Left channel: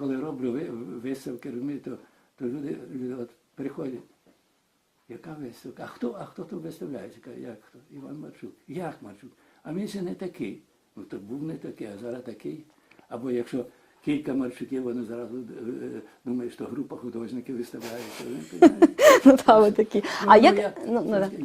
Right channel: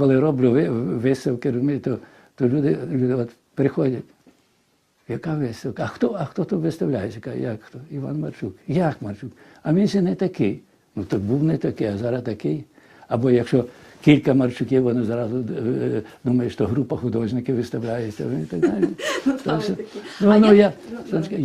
коли роблю ви- виставки, розумієте, то, то люди, люди от приходять. Яка виставка? А хто, а хто тут виставляє? Як хто? Іван Марчук. Як Марчук? А він ще не такий. Ну то був не такий, а зараз такий. Або якщо кілька Марчуків, вони зразу е, думають, що група художників виставляється. ну. Ну, такі. Ну, А ну, я, ну, ну, Сонечка,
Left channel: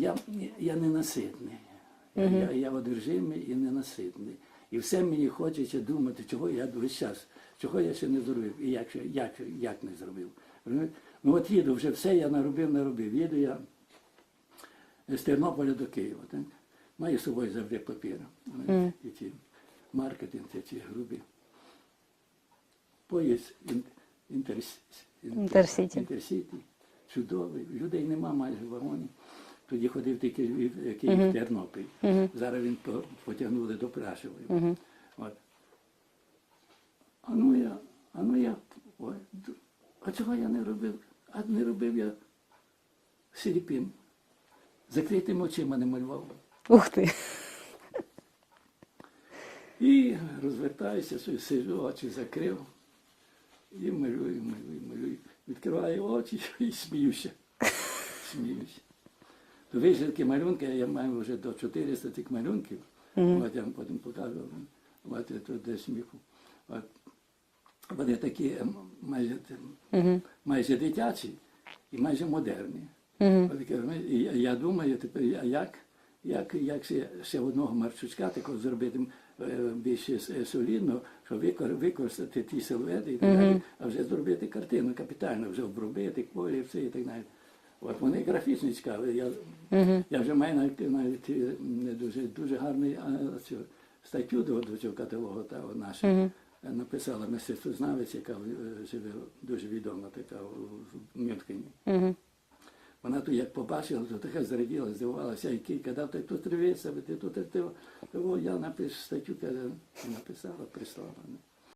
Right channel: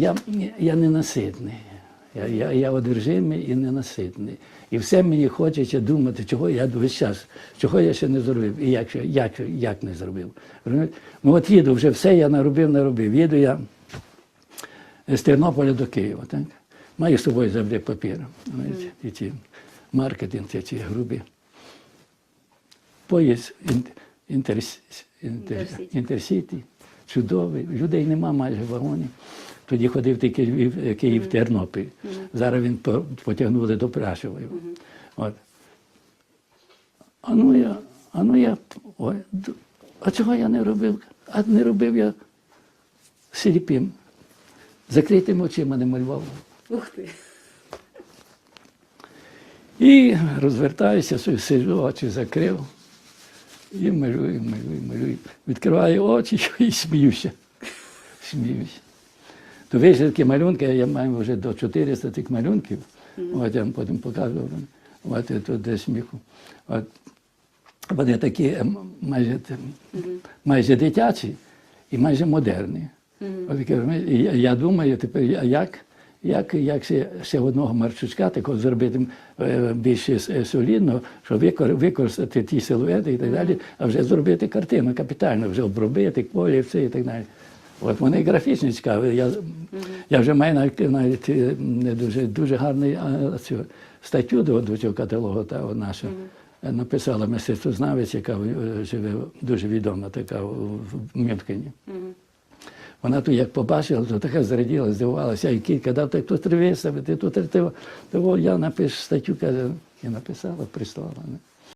я, я ненаситний. Я, я, одержимий і ненаситний. І все мені хочеться думати, чого я весь час, чого я ще не зробив, і як, як, як не зробив. Ну от їду, вже все я наробив, наробив. Їду я з Тернополя до Києва. Так? Маю з собою завжди папір. І ці маркетинг, ці, ці грубі. Поїзд ін- інтерс, інтер, Інтерсіті. інтерсіті. Чудовий. Людей нема майже в вагоні. Тоді ходив тільки Львів, Київ, Тернопіль. Зараз він по- потягнули до Прашової. От. А ну я, а ну я, ой, а чого я не робив? А не робив я сліпим. Закритими очима не малював. Ух ти. І розвертаюся, сиджу, очі закрив. І малюю, малюю, малюю. Відкриваю очі і сміюся. Сміюся. То вийшли такі малюнки, я маю вже до 400 тих малюнків. От я вам потім покажу. От тут де сміху. От. Вони такі ем, майже, ем, майже дитячі і майже модерні. От розумієте, і я, я думаю, тепер, як, як, як ще, ще одного марчучка такого зробити е, більш е, солідно, щоб використати ті силуети і так далі, а вже зробити картину капітально, вже обробити колір, все і так далі. От вони графічні цікаві. Я, я вже маю навіть, навіть е, не дуже, дуже гарний а, цю статтю до, до цього каталогу та наша. Е, Написала мистецтвознавець, яка е, живе дуже відома, така в в Мюнхені. Вона тут як побачила, то така зраділа, здивувалася, і кілька дав, так тут виставити, тут треба. Того я напишу статтю, каже, і написала, прислала. не.